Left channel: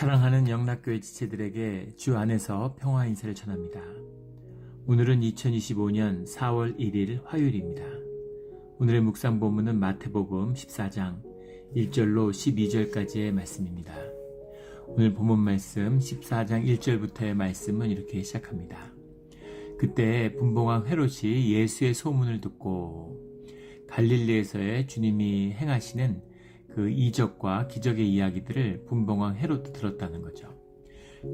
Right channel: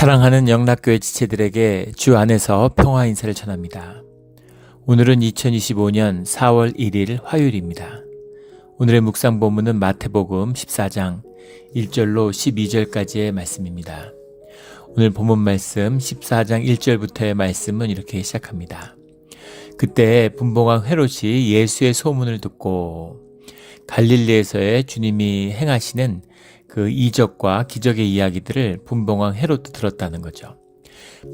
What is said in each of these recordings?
사랑하는 영락교회 지체들에게 주 안에서 평화 인사를 전합니다. 오늘은 2025년 4월 1일 화요일입니다. 오늘의 묵상 본문은 마태복음 14장 1절로 12절까지의 말씀입니다. 오늘 본문 말씀 14장 1절부터의 말씀은 이렇게 시작합니다. 그때 분봉왕 헤롯이 예수의 소문을 듣고 갈릴리에서의 주님이 행하시는 그 이적과 기적의 이야기들을 분봉왕 헤롯도 들었다는 거죠.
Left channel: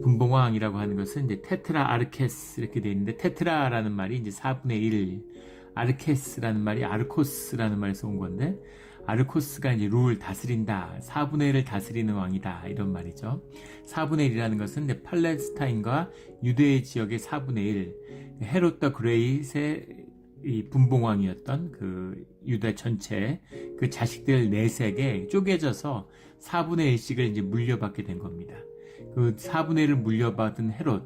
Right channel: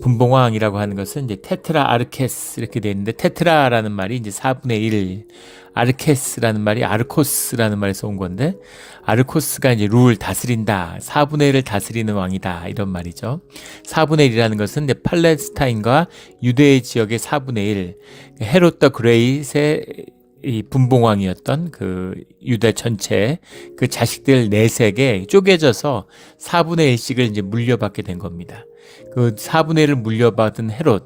분봉왕이라고 하는 것은 이제 테트라 아르케스 이렇게 되어 있는데, 테트라라는 말이 이제 4분의 1, 아르케스라는 말이 아르코스라는 말에서 온 건데, 아르코스가 이제 룰 다스린다, 4분의 1을 다스리는 왕이다, 이런 말이죠. 4분의 1이라는 것은 이제 팔레스타인과 유대의 지역의 4분의 1, 헤롯 더 그레이트의 이 분봉왕이었던 그 유다 전체 그 자식들 넷에게 쪼개져서 4분의 1씩을 이제 물려받게 된 겁니다. 그 4분의 1을 물려받은 헤롯이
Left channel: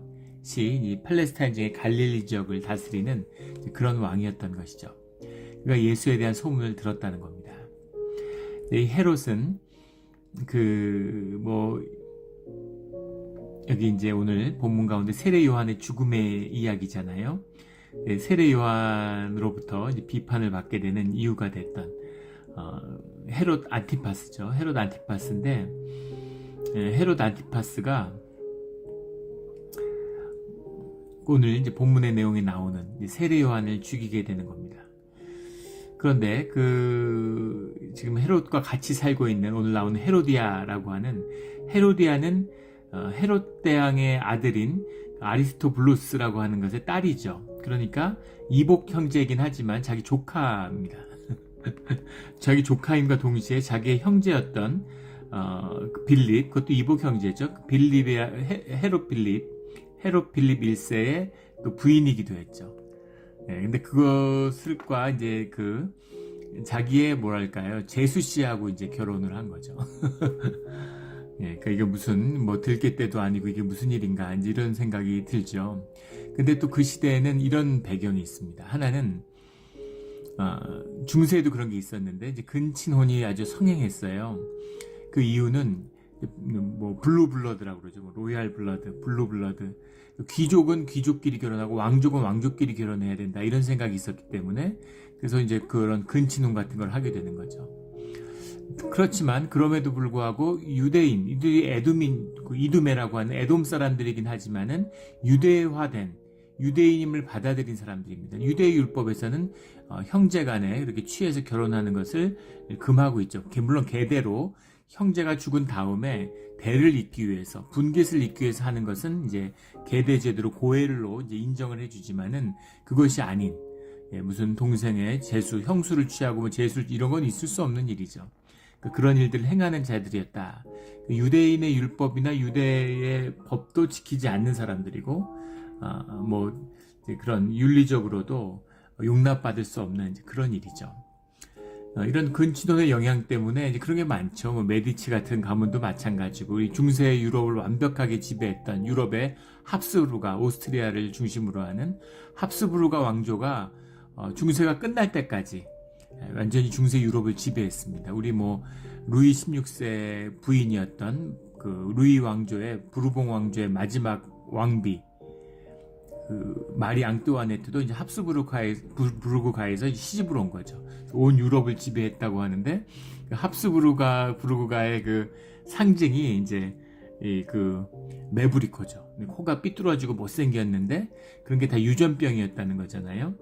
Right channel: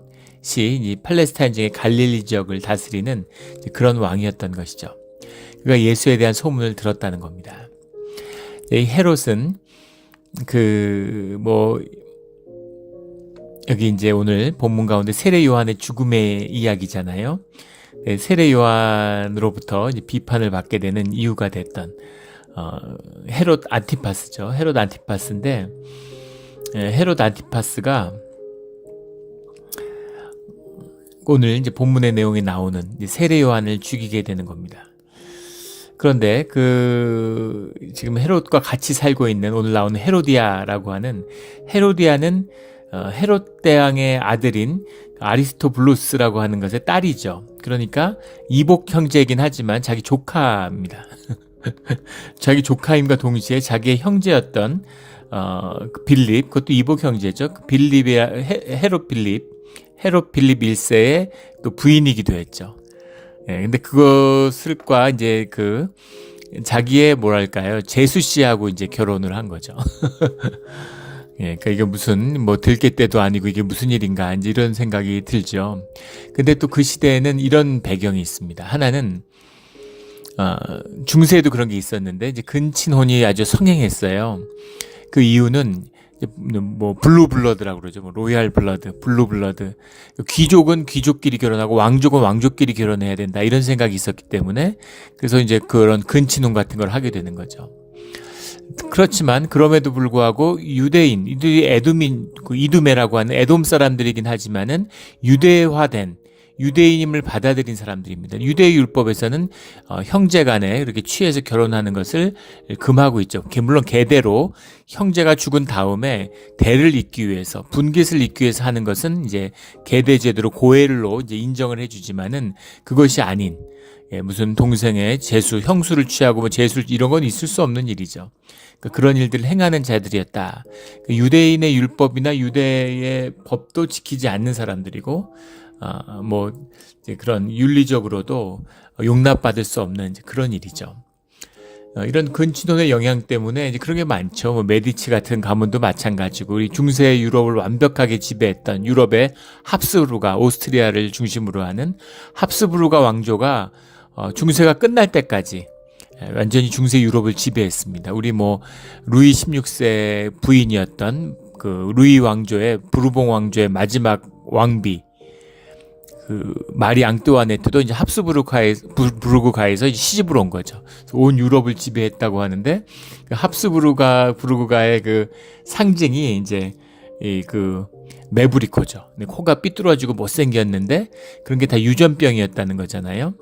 이 팔레스타인 지역의 갈릴리 지역을 다스리는 그런 왕이었던 것이죠. 그가 예수에 대한 소문을 들었다는 겁니다. 이 헤롯은 여기 이제 오늘 본문 가운데 세례 요한의 죽음의 이야기잖아요. 세례 요한으로부터 이제 비판을 받게 되는 이유가 됐던 헤롯 안티파스죠. 헤롯 안티파스인데, 헤롯 안티파스가 오늘 이제 본문의 내용에 나오는 세례 요한을 죽이게 되는 겁니다. 그런데 지금 헤롯과 같이 살고 있는 오늘 나오는 헤로디아라고 하는, 헤로디아는 헤롯 대왕의 아들인 아리스토블루스라고 하는 것의 딸이죠. 그러니까 이복 형제이긴 하지만 자기 조카입니다. 자기 조카임과 동시에 자기의 형제였던 빌립, 그것도 이복 형제죠. 헤롯 빌립 1세의 또 부인이기도 했죠. 근데 그것을과 이제 자기의 제수 씨하고 이제 결혼을 한 거죠. 그러니까 이게 무슨 들깨 때도 아니고 이게 무슨 일인가 이제 이런 생각이 들죠. 근데 또 그 시대에는 이런 배경이 있습니다. 하나는 중세에도 그런 게 있었는데 이제 근친혼이 아주 성행했어요. 그 이유는 블루 블러드라고 그러죠. 로얄 블러드, 블루 블러드. 귀족은 귀족끼리 결혼하고 왕족은 왕족끼리 결혼해야 된다, 이런 생각이 있었기 때문에, 그래서 이제 그런 근친혼 같은 걸 하게 되는 거죠. 그렇지만 그럼에도 불구하고 유대인, 이들이 이두메라고 하는 에돔 사람들이긴 하지만은 유대화된 유대인임을 받아들인 사람들입니다. 유대의 율법에서는 형제간에 이렇게 취해서 결혼하는 것을 금하고 있죠. 물론 계대로 형제가 죽은 다음에 대를 잇기 위해서, 분깃을 잇기 위해서 하는 것은 이제 계대 제도로 고해를로 이제 인정을 해주지만은, 그것이 아닌 무슨 동생의 제수, 형수를 취하고 제수, 이런 건 있을 수 없는 일이죠. 그런 일들을 행하는 자들이었다. 유대인의 율법이나 유대의 법도 지키지 않는 사람들이고, 이제 그런 윤리적으로도 용납받을 수 없는 그런 일이죠. 이런 근친혼의 영향 때문에 이제 그런 게 많죠. 메디치 같은 가문도 마찬가지고, 우리 중세 유럽을 완벽하게 지배했던 유럽의 합스부르가, 오스트리아를 중심으로 하는 합스부르가 왕조가 중세가 끝날 때까지 완전히 중세 유럽을 지배했습니다. 우리 루이 16세 부인이었던 그 루이 왕조의, 부르봉 왕조의 마지막 왕비 마리 앙뚜아네트도 이제 합스부르크가에서 이제 시집을 온 거죠. 온 유럽을 지배했다고 하는데, 합스부르크가의 그 상징이 이제 메브리코죠. 코가 삐뚤어지고 못생겼는데 그런 게 다 유전병이었다는 거잖아요.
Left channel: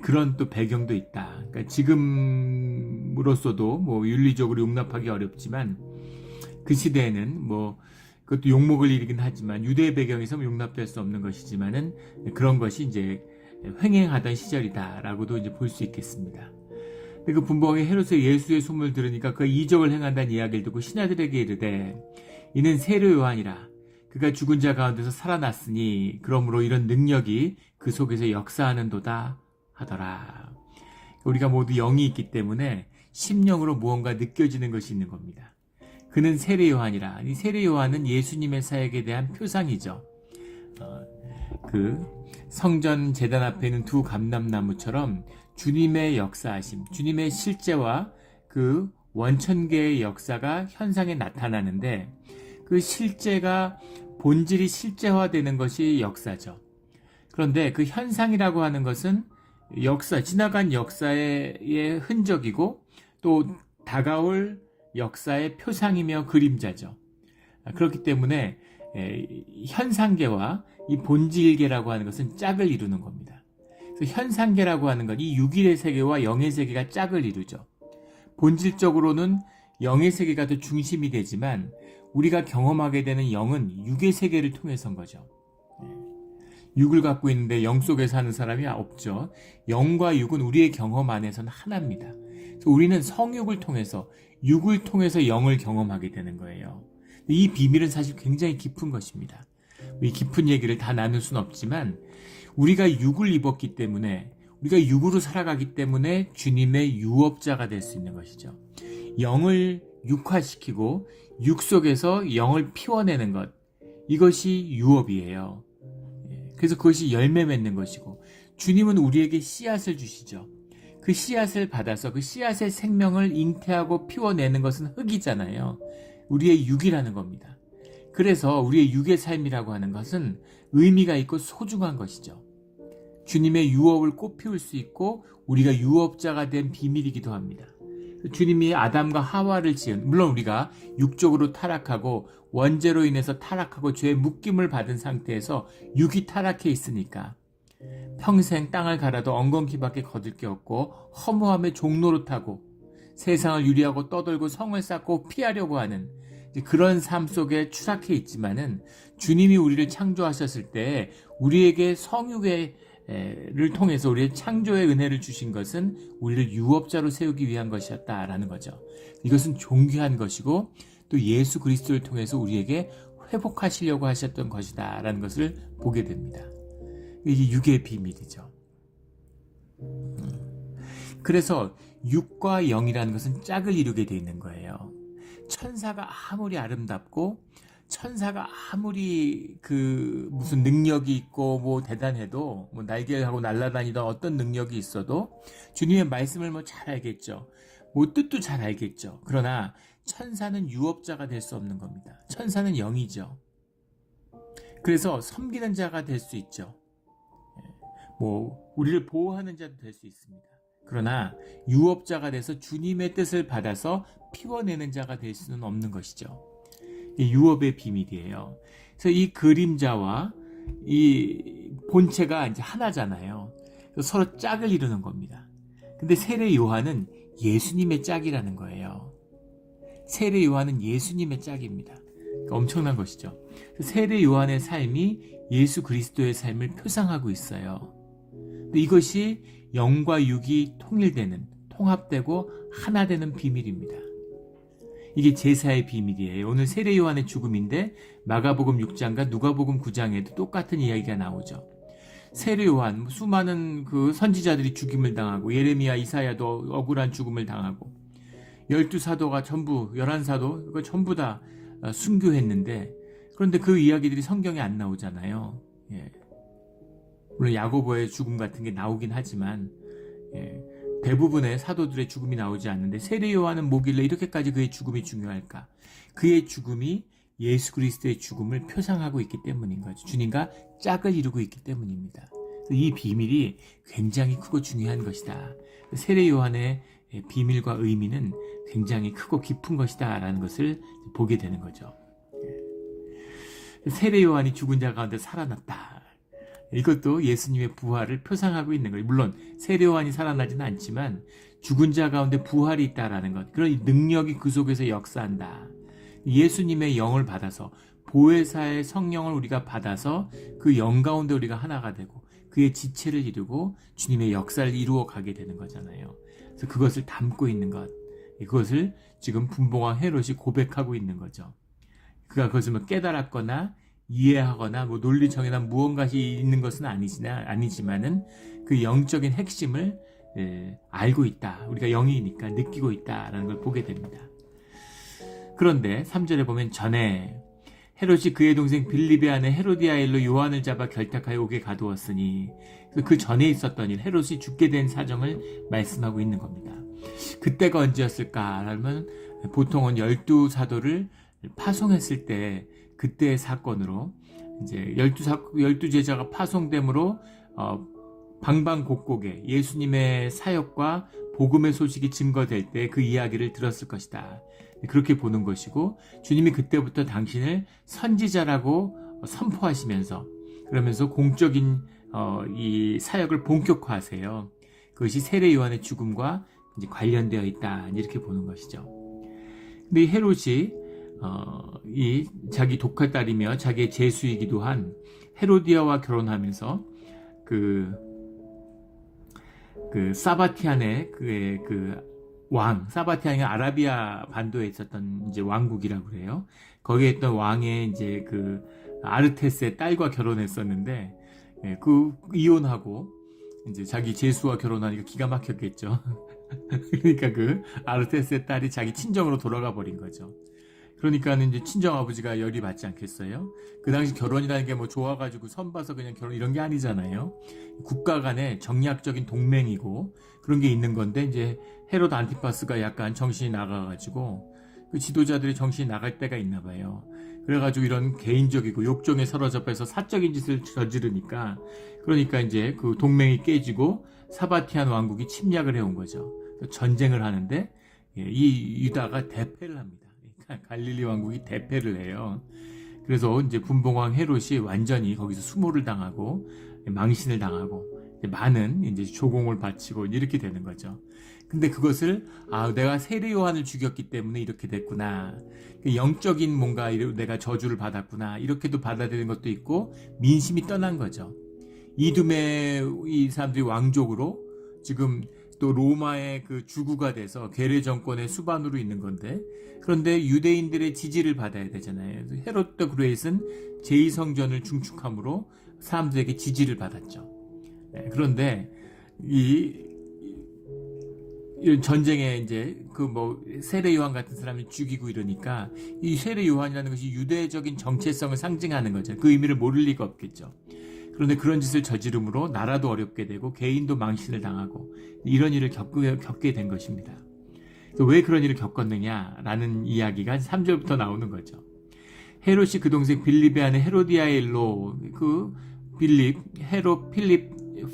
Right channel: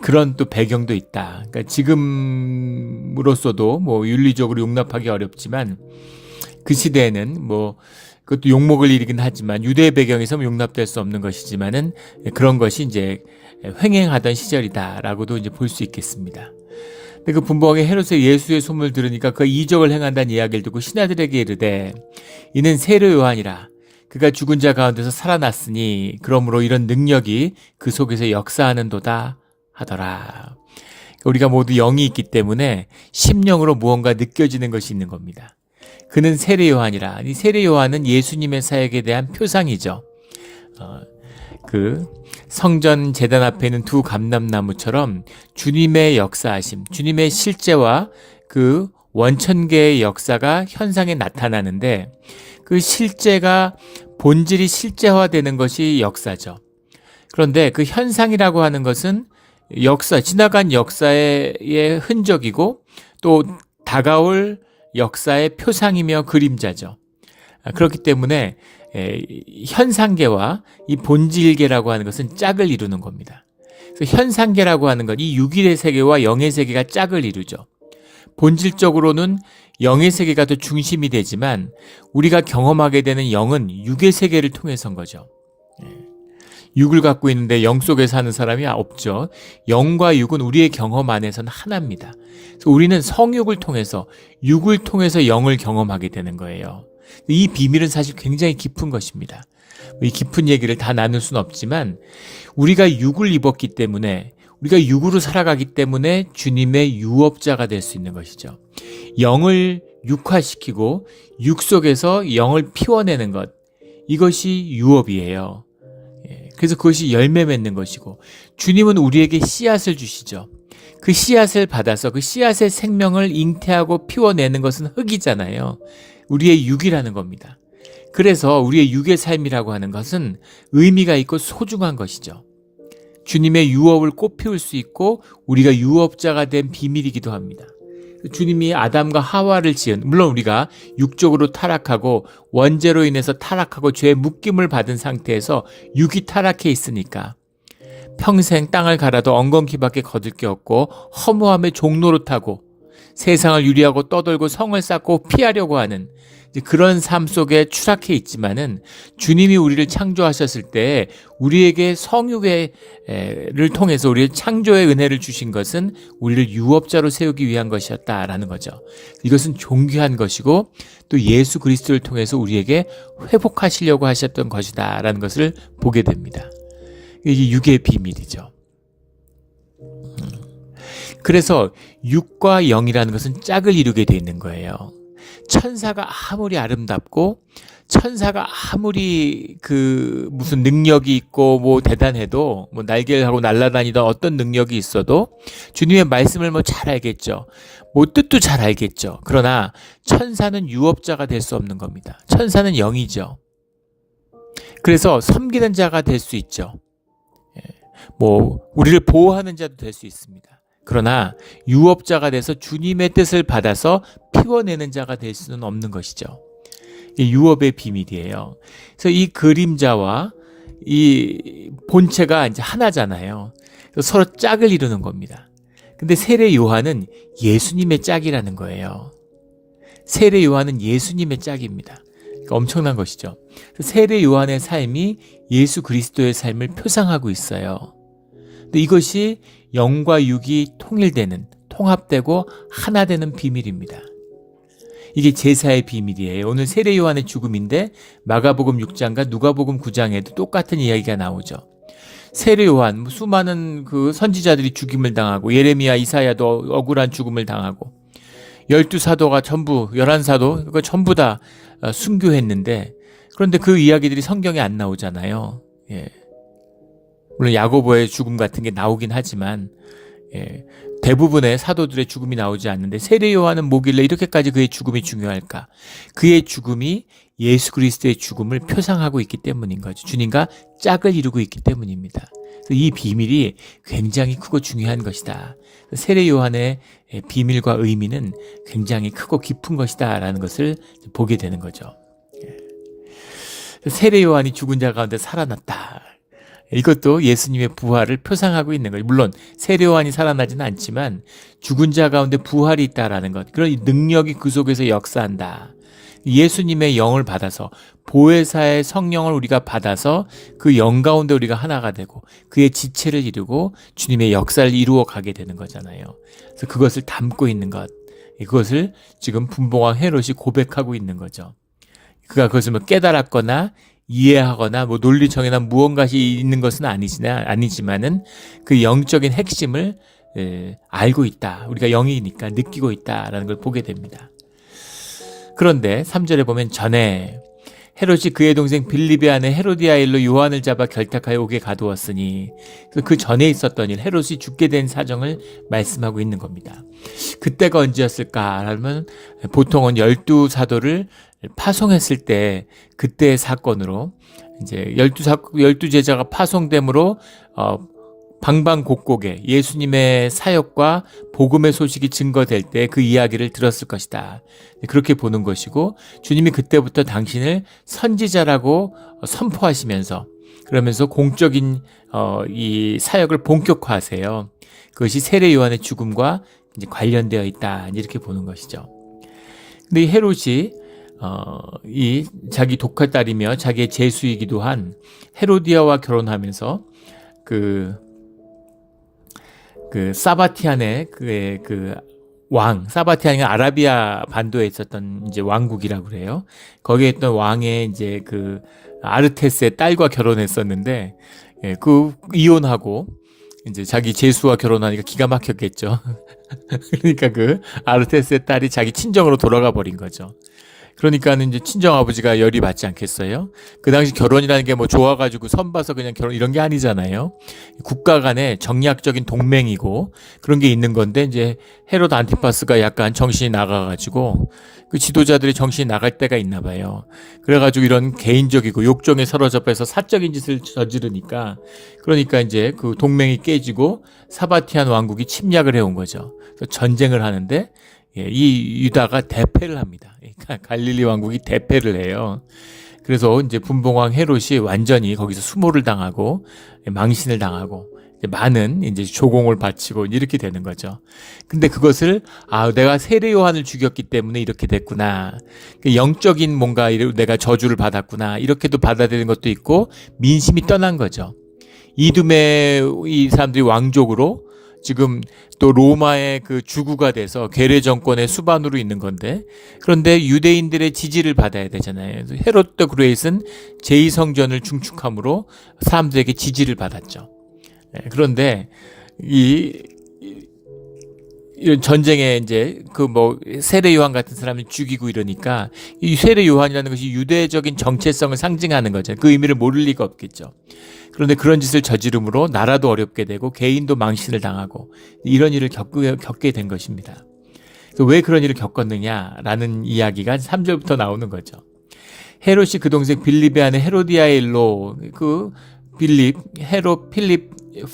그런 또 배경도 있다. 그러니까 지금으로서도 윤리적으로 용납하기 어렵지만, 그 시대에는 그것도 욕먹을 일이긴 하지만, 유대 배경에서 용납될 수 없는 것이지만은 그런 것이 이제 횡행하던 시절이다라고도 이제 볼 수 있겠습니다. 근데 그 분봉왕의 헤롯의 예수의 소문을 들으니까 그 이적을 행한다는 이야기를 듣고 신하들에게 이르되, 이는 세례 요한이라. 그가 죽은 자 가운데서 살아났으니 그러므로 이런 능력이 그 속에서 역사하는도다 하더라. 우리가 모두 영이 있기 때문에 심령으로 무언가 느껴지는 것이 있는 겁니다. 그는 세례 요한이라. 이 세례 요한은 예수님의 사역에 대한 표상이죠. 성전 제단 앞에 있는 두 감람나무처럼 주님의 역사하심, 주님의 실제와 그 원천계의 역사가 현상에 나타나는데, 그 실제가 본질이 실제화되는 것이 역사죠. 그런데 그 현상이라고 하는 것은 지나간 역사의 흔적이고 또 다가올 역사의 표상이며 그림자죠. 그렇기 때문에 현상계와 이 본질계라고 하는 것은 짝을 이루는 겁니다. 그래서 현상계라고 하는 건 이 6일의 세계와 영의 세계가 짝을 이루죠. 본질적으로는 영의 세계가 더 중심이 되지만 우리가 경험하게 되는 영은 6의 세계를 통해서인 거죠. 6을 갖고 있는데 영 속에 사는 사람이 없죠. 영과 6은 우리의 경험 안에서는 하나입니다. 그래서 우리는 성육을 통해서 6을 통해서 영을 경험하게 되는 거예요. 이 비밀은 사실 굉장히 깊은 것입니다. 이 깊은 얘기를 다 나눌 수는 없지만 우리가 6을 입었기 때문에 우리가 6으로 살아가기 때문에 주님의 유업자가 될 수 있는 것이죠. 영을 육화시키고 6 속에서 영을 피워내는 것, 이것이 유업이에요. 그래서 그것이 열매 맺는 것이고 주님은 우리에게 씨앗을 주시죠. 그 씨앗을 받아서 그 씨앗의 생명을 잉태하고 피워내는 것은 흙이잖아요. 우리의 육이라는 겁니다. 그래서 우리의 육의 삶이라고 하는 것은 의미가 있고 소중한 것이죠. 주님의 유업을 꽃피울 수 있고 우리가 유업자가 된 비밀이기도 합니다. 주님이 아담과 하와를 지은, 물론 우리가 육적으로 타락하고 원죄로 인해서 타락하고 죄의 묶임을 받은 상태에서 육이 타락해 있으니까 평생 땅을 갈아도 엉겅퀴밖에 거둘 게 없고 허무함의 종로로 타고 세상을 유리하고 떠돌고 성을 쌓고 피하려고 하는 그런 삶 속에 추락해 있지만은 주님이 우리를 창조하셨을 때 우리에게 성육을 통해서 우리의 창조의 은혜를 주신 것은 우리를 유업자로 세우기 위한 것이었다라는 거죠. 이것은 존귀한 것이고 또 예수 그리스도를 통해서 우리에게 회복하시려고 하셨던 것이다라는 것을 보게 됩니다. 이게 육의 비밀이죠. 그래서 육과 영이라는 것은 짝을 이루게 돼 있는 거예요. 천사가 아무리 아름답고 천사가 아무리 무슨 능력이 있고 뭐 대단해도 뭐 날개를 하고 날아다니던 어떤 능력이 있어도 주님의 말씀을 뭐 잘 알겠죠. 뭐 뜻도 잘 알겠죠. 그러나 천사는 유업자가 될 수 없는 겁니다. 천사는 영이죠. 그래서 섬기는 자가 될 수 있죠. 뭐 우리를 보호하는 자도 될 수 있습니다. 그러나 유업자가 돼서 주님의 뜻을 받아서 피워내는 자가 될 수는 없는 것이죠. 이 유업의 비밀이에요. 그래서 이 그림자와 이 본체가 이제 하나잖아요. 서로 짝을 이루는 겁니다. 근데 세례 요한은 예수님의 짝이라는 거예요. 세례 요한은 예수님의 짝입니다. 그러니까 엄청난 것이죠. 세례 요한의 삶이 예수 그리스도의 삶을 표상하고 있어요. 근데 이것이 영과 육이 통일되는, 통합되고 하나 되는 비밀입니다. 이게 제사의 비밀이에요. 오늘 세례 요한의 죽음인데 마가복음 6장과 누가복음 9장에도 똑같은 이야기가 나오죠. 세례 요한, 수많은 그 선지자들이 죽임을 당하고 예레미야, 이사야도 억울한 죽음을 당하고 12사도가 전부 11사도 전부 다 순교했는데 그런데 그 이야기들이 성경에 안 나오잖아요. 물론 야고보의 죽음 같은 게 나오긴 하지만 대부분의 사도들의 죽음이 나오지 않는데 세례 요한은 뭐길래 이렇게까지 그의 죽음이 중요할까? 그의 죽음이 예수 그리스도의 죽음을 표상하고 있기 때문인 거죠. 주님과 짝을 이루고 있기 때문입니다. 이 비밀이 굉장히 크고 중요한 것이다. 세례 요한의 비밀과 의미는 굉장히 크고 깊은 것이다 라는 것을 보게 되는 거죠. 세례 요한이 죽은 자 가운데 살아났다. 이것도 예수님의 부활을 표상하고 있는 거예요. 물론 세례 요한이 살아나지는 않지만 죽은 자 가운데 부활이 있다라는 것, 그런 능력이 그 속에서 역사한다. 예수님의 영을 받아서 보혜사의 성령을 우리가 받아서 그 영 가운데 우리가 하나가 되고 그의 지체를 이루고 주님의 역사를 이루어 가게 되는 거잖아요. 그래서 그것을 담고 있는 것, 그것을 지금 분봉왕 헤롯이 고백하고 있는 거죠. 그가 그것을 뭐 깨달았거나 이해하거나 뭐 논리정연한 무언가시 있는 것은 아니지만은 그 영적인 핵심을 알고 있다. 우리가 영이니까 느끼고 있다라는 걸 보게 됩니다. 그런데 3절에 보면 전에 헤롯이 그의 동생 빌립의 아내 헤로디아 일로 요한을 잡아 결탁하여 옥에 가두었으니 그 전에 있었던 일, 헤롯이 죽게 된 사정을 말씀하고 있는 겁니다. 그때가 언제였을까 하면 보통은 12사도를 파송했을 때 그때의 사건으로 이제 열두 제자가 파송됨으로 방방곡곡에 예수님의 사역과 복음의 소식이 증거될 때 그 이야기를 들었을 것이다. 그렇게 보는 것이고, 주님이 그때부터 당신을 선지자라고 선포하시면서, 그러면서 공적인 이 사역을 본격화하세요. 그것이 세례 요한의 죽음과 이제 관련되어 있다, 이렇게 보는 것이죠. 근데 이 헤롯이 이 자기 독할딸이며 자기의 제수이기도 한 헤로디아와 결혼하면서 그 사바티안의 그 왕, 사바티안이 아라비아 반도에 있었던 이제 왕국이라고 그래요. 거기에 있던 왕의 이제 그 아르테스의 딸과 결혼했었는데, 그 이혼하고 이제 자기 제수와 결혼하니까 기가 막혔겠죠. 그러니까 그 아르테스의 딸이 자기 친정으로 돌아가 버린 거죠. 그러니까는 이제 친정 아버지가 열이 받지 않겠어요? 그 당시 결혼이라는 게 뭐 좋아가지고 선봐서 그냥 결혼 이런 게 아니잖아요. 국가 간의 정략적인 동맹이고 그런 게 있는 건데, 이제 헤롯 안티파스가 약간 정신이 나가가지고 그 지도자들이 정신이 나갈 때가 있나 봐요. 그래가지고 이런 개인적이고 욕정에 사로잡혀서 사적인 짓을 저지르니까, 그러니까 이제 그 동맹이 깨지고 사바티안 왕국이 침략을 해온 거죠. 전쟁을 하는데 이 유다가 대패를 합니다. 갈릴리 왕국이 대패를 해요. 그래서 이제 분봉왕 헤롯이 완전히 거기서 수모를 당하고 망신을 당하고 많은 이제 조공을 바치고 이렇게 되는 거죠. 근데 그것을 내가 세례 요한을 죽였기 때문에 이렇게 됐구나. 영적인 뭔가 내가 저주를 받았구나. 이렇게도 받아들이는 것도 있고, 민심이 떠난 거죠. 이두메 이 사람들이 왕족으로 지금 또 로마의 그 주구가 돼서 괴뢰 정권의 수반으로 있는 건데, 그런데 유대인들의 지지를 받아야 되잖아요. 헤롯 더 그레이트는 제2성전을 중축함으로 사람들에게 지지를 받았죠. 그런데 이런 전쟁에 이제 그 뭐 세례 요한 같은 사람을 죽이고 이러니까, 이 세례 요한이라는 것이 유대적인 정체성을 상징하는 거죠. 그 의미를 모를 리가 없겠죠. 그런데 그런 짓을 저지름으로 나라도 어렵게 되고 개인도 망신을 당하고 이런 일을 겪게 된 것입니다. 왜 그런 일을 겪었느냐라는 이야기가 3절부터 나오는 거죠. 헤롯이 그 동생 빌립의 아내 헤로디아의 일로 그 필립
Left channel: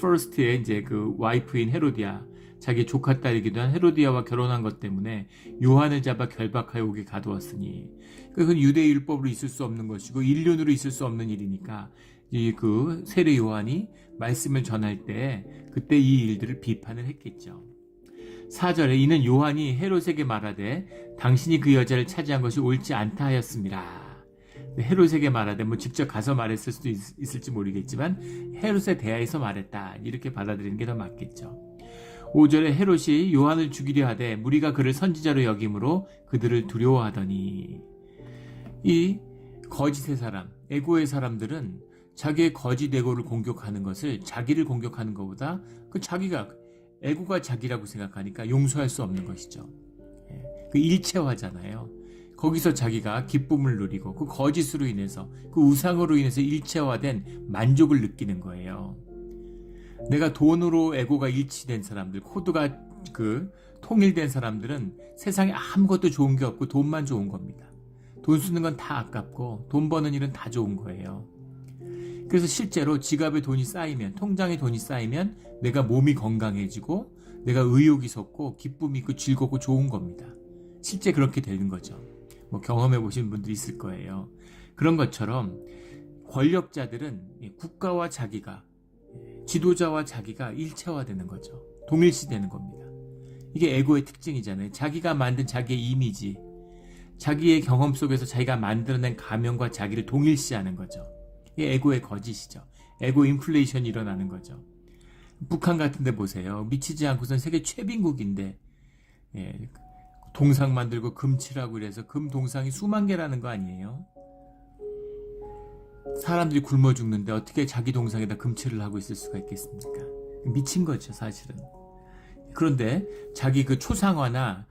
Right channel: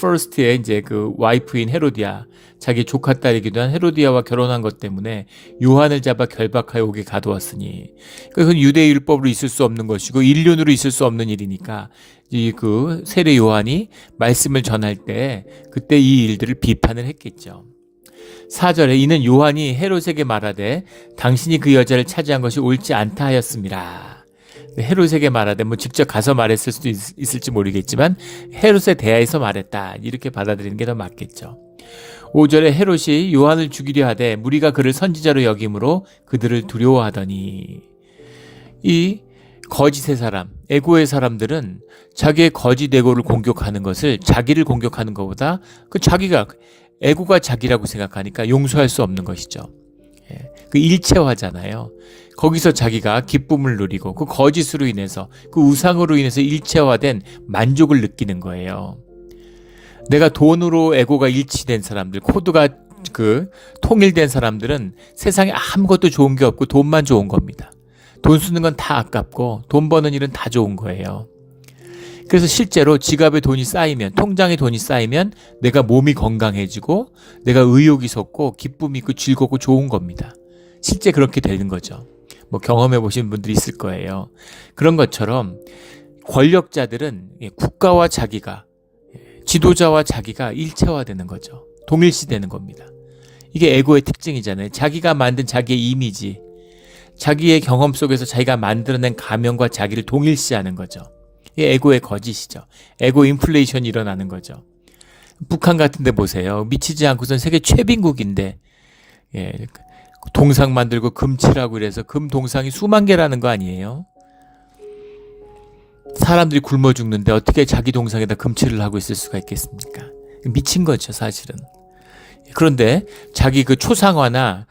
퍼스트의 이제 그 와이프인 헤로디아, 자기 조카 딸이기도 한 헤로디아와 결혼한 것 때문에 요한을 잡아 결박하여 오게 가두었으니, 그것은 유대 율법으로 있을 수 없는 것이고 인륜으로 있을 수 없는 일이니까 이 그 세례 요한이 말씀을 전할 때 그때 이 일들을 비판을 했겠죠. 4절에 이는 요한이 헤롯에게 말하되 당신이 그 여자를 차지한 것이 옳지 않다 하였습니다. 헤롯에게 말하되 뭐 직접 가서 말했을 수도 있을지 모르겠지만 헤롯에 대하여서 말했다, 이렇게 받아들이는 게 더 맞겠죠. 5절에 헤롯이 요한을 죽이려 하되 무리가 그를 선지자로 여김으로 그들을 두려워하더니, 이 거짓의 사람, 에고의 사람들은 자기의 거짓 에고를 공격하는 것을 자기를 공격하는 것보다 그 자기가 에고가 자기라고 생각하니까 용서할 수 없는 것이죠. 그 일체화잖아요. 거기서 자기가 기쁨을 누리고 그 거짓으로 인해서 그 우상으로 인해서 일체화된 만족을 느끼는 거예요. 내가 돈으로 에고가 일치된 사람들, 코드가 그 통일된 사람들은 세상에 아무것도 좋은 게 없고 돈만 좋은 겁니다. 돈 쓰는 건 다 아깝고 돈 버는 일은 다 좋은 거예요. 그래서 실제로 지갑에 돈이 쌓이면, 통장에 돈이 쌓이면 내가 몸이 건강해지고 내가 의욕이 솟고 기쁨이 있고 즐겁고 좋은 겁니다. 실제 그렇게 되는 거죠. 뭐 경험해 보신 분들이 있을 거예요. 그런 것처럼 권력자들은 국가와 자기가, 지도자와 자기가 일체화되는 거죠. 동일시되는 겁니다. 이게 에고의 특징이잖아요. 자기가 만든 자기의 이미지, 자기의 경험 속에서 자기가 만들어낸 가면과 자기를 동일시하는 거죠. 이게 에고의 거짓이죠. 에고 인플레이션이 일어나는 거죠. 북한 같은 데 보세요. 미치지 않고선 세계 최빈국인데 동상 만들고 금치라고 이래서 금 동상이 수만 개라는 거 아니에요? 사람들이 굶어 죽는데 어떻게 자기 동상에다 금칠을 하고 있을 수가 있겠습니까? 미친 거죠, 사실은. 그런데 자기 그 초상화나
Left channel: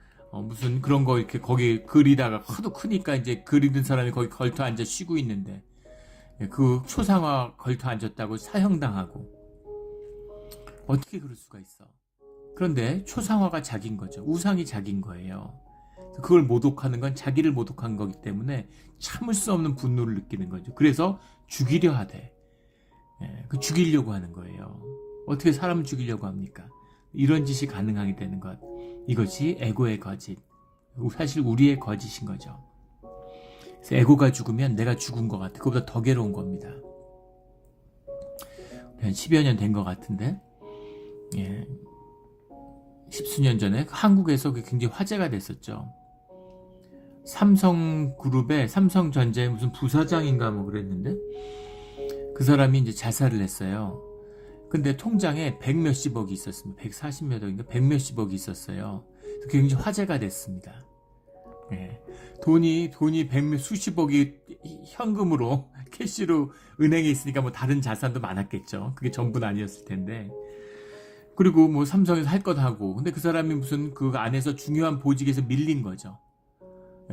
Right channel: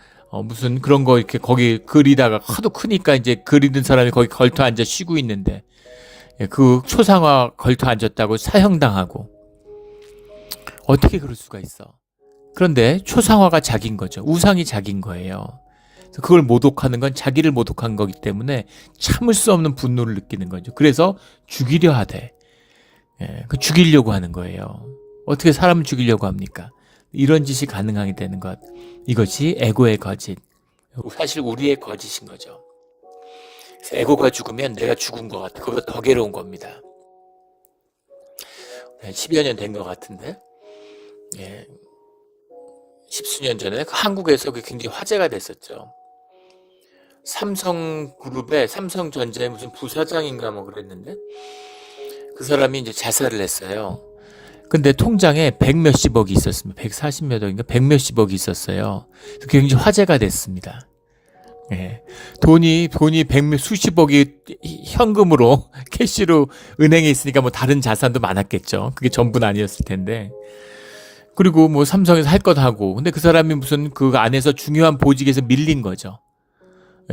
무슨 그런 거 이렇게 거기 그리다가 하도 크니까 이제 그리는 사람이 거기 걸터 앉아 쉬고 있는데 그 초상화 걸터 앉았다고 사형당하고, 어떻게 그럴 수가 있어? 그런데 초상화가 자기인 거죠. 우상이 자기인 거예요. 그래서 그걸 모독하는 건 자기를 모독한 거기 때문에 참을 수 없는 분노를 느끼는 거죠. 그래서 죽이려 하되, 그 죽이려고 하는 거예요. 어떻게 사람을 죽이려고 합니까? 이런 짓이 가능하게 되는 것. 이것이 에고의 거짓. 사실 우리의 거짓인 거죠. 그래서 에고가 죽으면 내가 죽은 것 같아. 그보다 더 괴로운 겁니다. 10여 년 된 것 같은데, 예, 10수년 전에 한국에서 굉장히 화제가 됐었죠. 삼성그룹의 삼성전자의 무슨 부사장인가 뭐 그랬는데, 그 사람이 이제 자살을 했어요. 근데 통장에 100몇십억이 있었습니다. 140몇 억인가 100몇십억이 있었어요. 그래서 굉장히 화제가 됐습니다. 예. 돈이 수십억이 현금으로 캐시로 은행에 있으니까 뭐 다른 자산도 많았겠죠. 그게 전부는 아니었을 텐데. 그리고 뭐 삼성에서 할 것 하고. 근데 그 사람이 무슨 그 안에서 중요한 보직에서 밀린 거죠.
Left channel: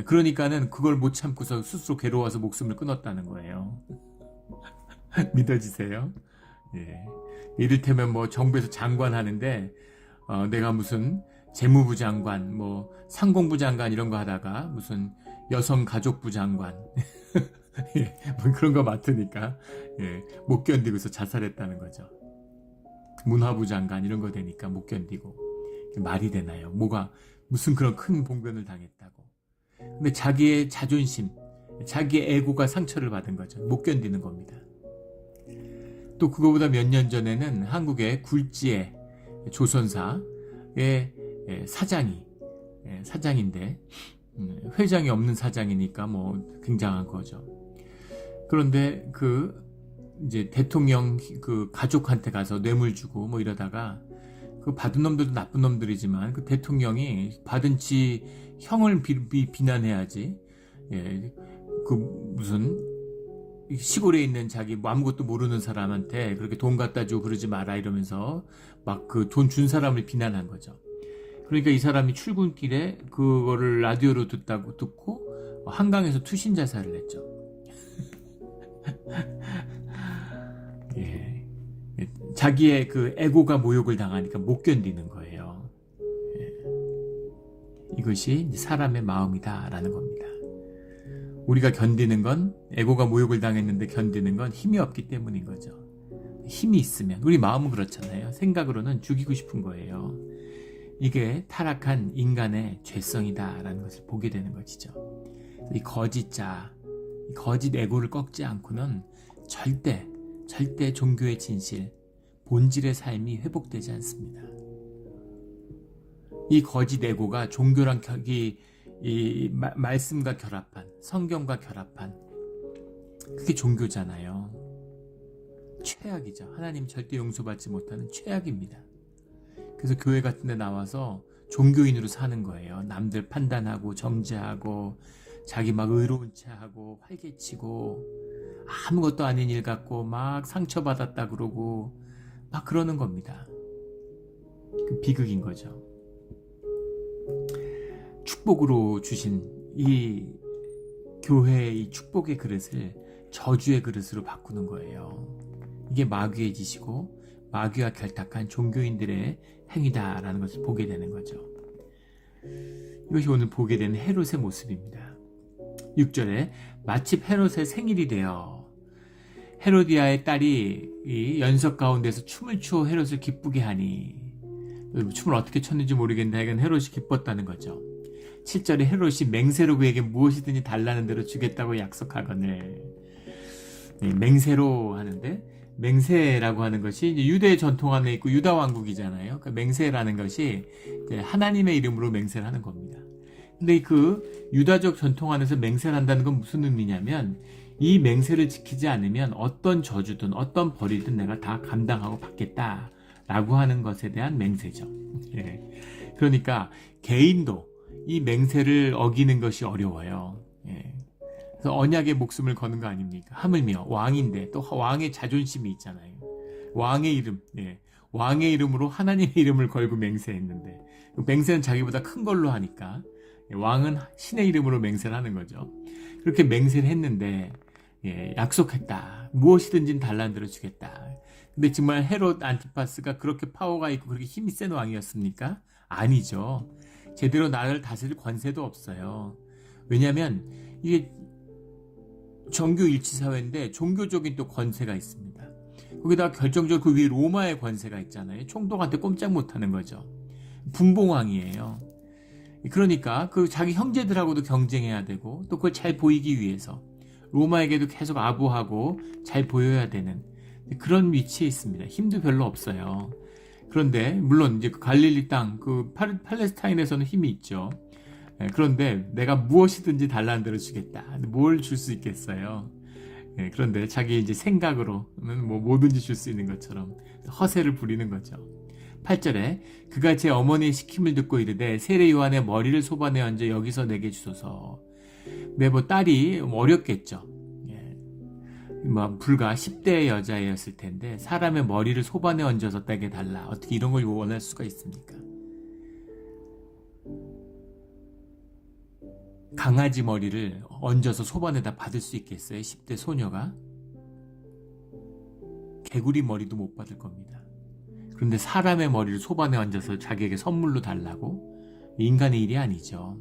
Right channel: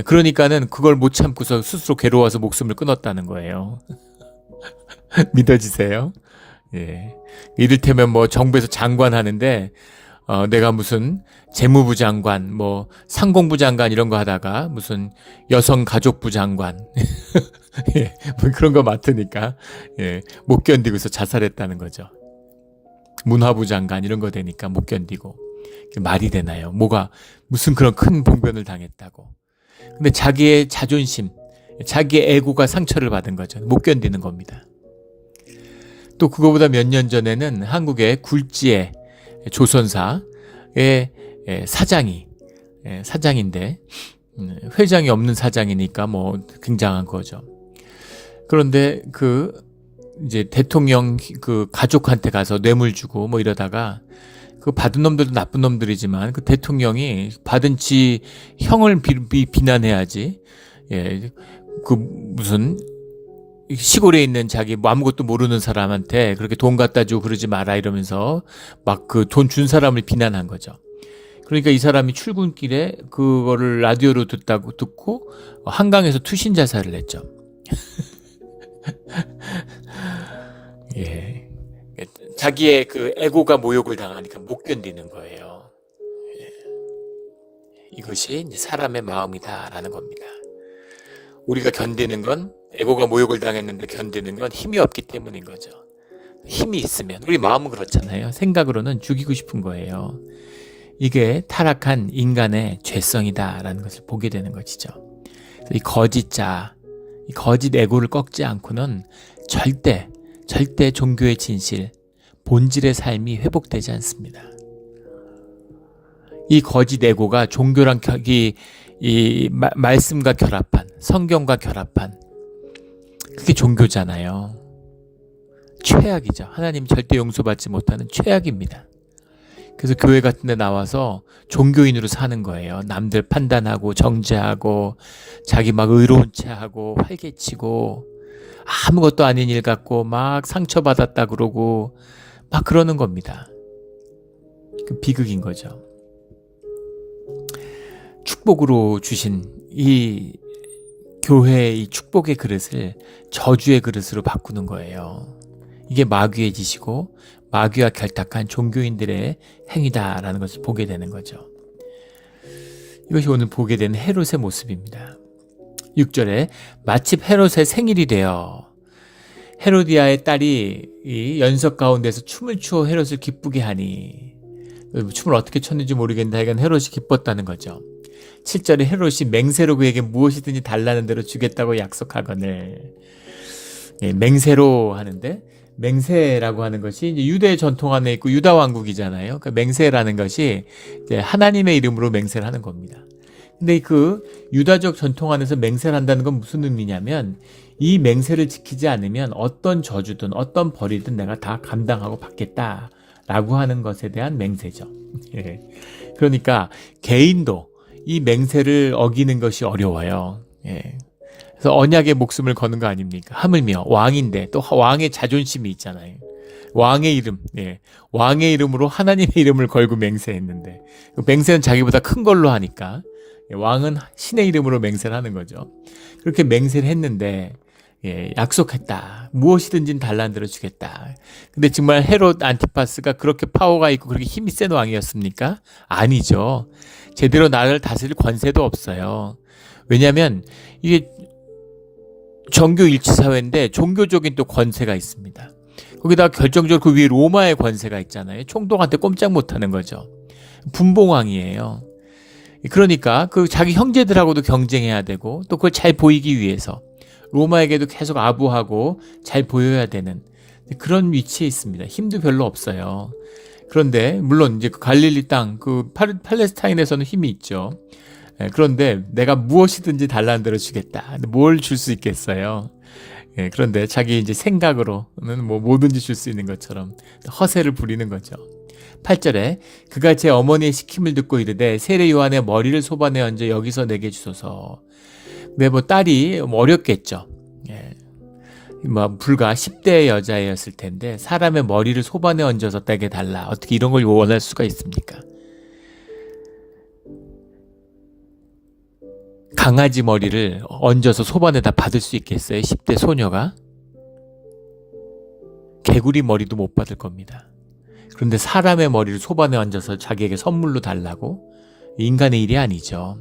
그러니까는 그걸 못 참고서 스스로 괴로워서 목숨을 끊었다는 거예요. 믿어지세요? 예. 이를테면 뭐 정부에서 장관 하는데 내가 무슨 재무부 장관, 뭐 상공부 장관 이런 거 하다가 무슨 여성가족부 장관 예, 뭐 그런 거 맡으니까 예, 못 견디고서 자살했다는 거죠. 문화부 장관 이런 거 되니까 못 견디고. 말이 되나요? 뭐가 무슨 그런 큰 봉변을 당했다고. 근데 자기의 자존심, 자기의 에고가 상처를 받은 거죠. 못 견디는 겁니다. 또 그거보다 몇 년 전에는 한국의 굴지의 조선사의 사장인데 회장이 없는 사장이니까 뭐 굉장한 거죠. 그런데 이제 대통령 그 가족한테 가서 뇌물 주고 뭐 이러다가 그 받은 놈들도 나쁜 놈들이지만 그 대통령이 받은 지 형을 비난해야지. 예, 그 무슨 시골에 있는 자기 뭐 아무것도 모르는 사람한테 그렇게 돈 갖다 주고 그러지 마라 이러면서 막 그 돈 준 사람을 비난한 거죠. 그러니까 이 사람이 출근길에 그거를 라디오로 듣고 한강에서 투신 자살을 했죠. 예. 자기의 그 에고가 모욕을 당하니까 못 견디는 거예요. 예. 이것이 이제 사람의 마음이다라는 겁니다. 우리가 견디는 건 에고가 모욕을 당했는데 견디는 건 힘이 없기 때문인 거죠. 힘이 있으면 우리 마음은 그렇잖아요. 생각으로는 죽이고 싶은 거예요. 이게 타락한 인간의 죄성이다라는 것을 보게 되는 것이죠. 이 거짓자, 이 거짓 에고를 꺾지 않고는 절대 종교의 진실, 본질의 삶이 회복되지 않습니다. 이 거짓 에고가 종교랑 이 말씀과 결합한, 성경과 결합한, 그게 종교잖아요. 최악이죠. 하나님 절대 용서받지 못하는 최악입니다. 그래서 교회 같은 데 나와서 종교인으로 사는 거예요. 남들 판단하고 정죄하고 자기 막 의로운 체하고 활개치고 아무것도 아닌 일 같고 막 상처받았다 그러고 막 그러는 겁니다. 그 비극인 거죠. 축복으로 주신 이 교회의 이 축복의 그릇을 저주의 그릇으로 바꾸는 거예요. 이게 마귀의 짓이고 마귀와 결탁한 종교인들의 행위다라는 것을 보게 되는 거죠. 이것이 오늘 보게 되는 헤롯의 모습입니다. 6절에 마침 헤롯의 생일이 되어 헤로디아의 딸이 이 연석 가운데서 춤을 추어 헤롯을 기쁘게 하니, 춤을 어떻게 췄는지 모르겠는데 하여간 헤롯이 기뻤다는 거죠. 7절에 헤롯이 맹세로 그에게 무엇이든지 달라는 대로 주겠다고 약속하거늘. 예, 맹세로 하는데, 맹세라고 하는 것이 이제 유대 전통 안에 있고 유다 왕국이잖아요. 그러니까 맹세라는 것이 이제 하나님의 이름으로 맹세를 하는 겁니다. 근데 그 유다적 전통 안에서 맹세를 한다는 건 무슨 의미냐면, 이 맹세를 지키지 않으면 어떤 저주든 어떤 벌이든 내가 다 감당하고 받겠다라고 하는 것에 대한 맹세죠. 예. 그러니까 개인도 이 맹세를 어기는 것이 어려워요. 예. 그래서 언약의 목숨을 거는 거 아닙니까? 하물며 왕인데 또 왕의 자존심이 있잖아요. 왕의 이름, 예. 왕의 이름으로 하나님의 이름을 걸고 맹세했는데, 그 맹세는 자기보다 큰 걸로 하니까 왕은 신의 이름으로 맹세를 하는 거죠. 그렇게 맹세를 했는데, 예, 약속했다. 무엇이든지 달라는 대로 주겠다. 근데 정말 헤롯 안티파스가 그렇게 파워가 있고 그렇게 힘이 센 왕이었습니까? 아니죠. 제대로 나라를 다스릴 권세도 없어요. 왜냐하면 이게 정교 일치 사회인데 종교적인 또 권세가 있습니다. 거기다가 결정적으로 그 위에 로마의 권세가 있잖아요. 총독한테 꼼짝 못하는 거죠. 분봉왕이에요. 그러니까 그 자기 형제들하고도 경쟁해야 되고 또 그걸 잘 보이기 위해서 로마에게도 계속 아부하고 잘 보여야 되는 그런 위치에 있습니다. 힘도 별로 없어요. 그런데 물론 이제 그 갈릴리 땅, 그 팔레스타인에서는 힘이 있죠. 그런데 내가 무엇이든지 달라는 대로 주겠다. 뭘 줄 수 있겠어요? 그런데 자기 이제 생각으로는 뭐 뭐든지 줄 수 있는 것처럼 허세를 부리는 거죠. 8절에 그가 제 어머니의 시킴을 듣고 이르되 세례 요한의 머리를 소반에 얹어 여기서 내게 주소서. 근데 뭐 딸이 어렸겠죠. 뭐 불과 10대의 여자였을 텐데 사람의 머리를 소반에 얹어서 떼게 달라. 어떻게 이런 걸 원할 수가 있습니까? 강아지 머리를 얹어서 소반에다 받을 수 있겠어요? 10대 소녀가? 개구리 머리도 못 받을 겁니다. 그런데 사람의 머리를 소반에 얹어서 자기에게 선물로 달라고? 인간의 일이 아니죠.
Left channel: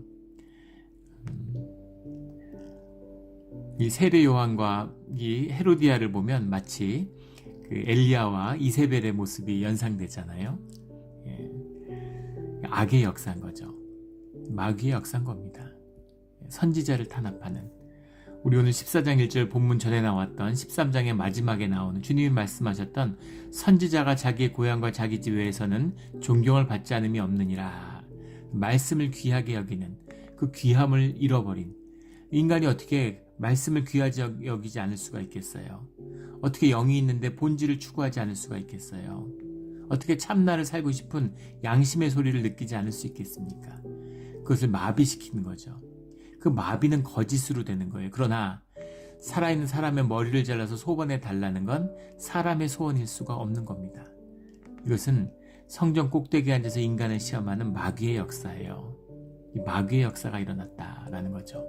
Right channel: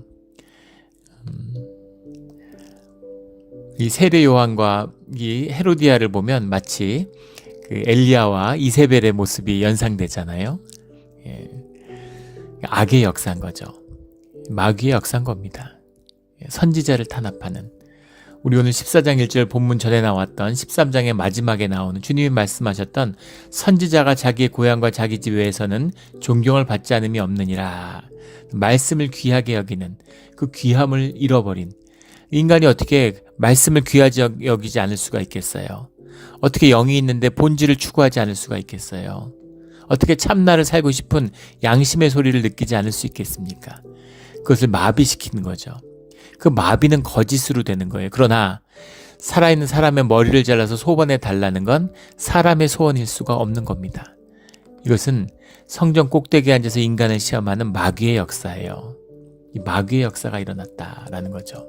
이 세례 요한과 이 헤로디아를 보면 마치 그 엘리야와 이세벨의 모습이 연상되잖아요. 악의 역사인 거죠. 마귀의 역사인 겁니다. 선지자를 탄압하는. 우리 오늘 14장 1절 본문 전에 나왔던 13장의 마지막에 나오는 주님이 말씀하셨던 선지자가 자기의 고향과 자기 집에서는 존경을 받지 않음이 없느니라. 말씀을 귀하게 여기는 그 귀함을 잃어버린 인간이 어떻게 말씀을 귀하게 여기지 않을 수가 있겠어요? 어떻게 영이 있는데 본질을 추구하지 않을 수가 있겠어요? 어떻게 참나를 살고 싶은 양심의 소리를 느끼지 않을 수 있겠습니까? 그것을 마비시키는 거죠. 그 마비는 거짓으로 되는 거예요. 그러나 살아있는 사람의 머리를 잘라서 소반에 달라는 건 사람의 소원일 수가 없는 겁니다. 이것은 성전 꼭대기에 앉아서 인간을 시험하는 마귀의 역사예요. 이 마귀의 역사가 일어났다라는 거죠.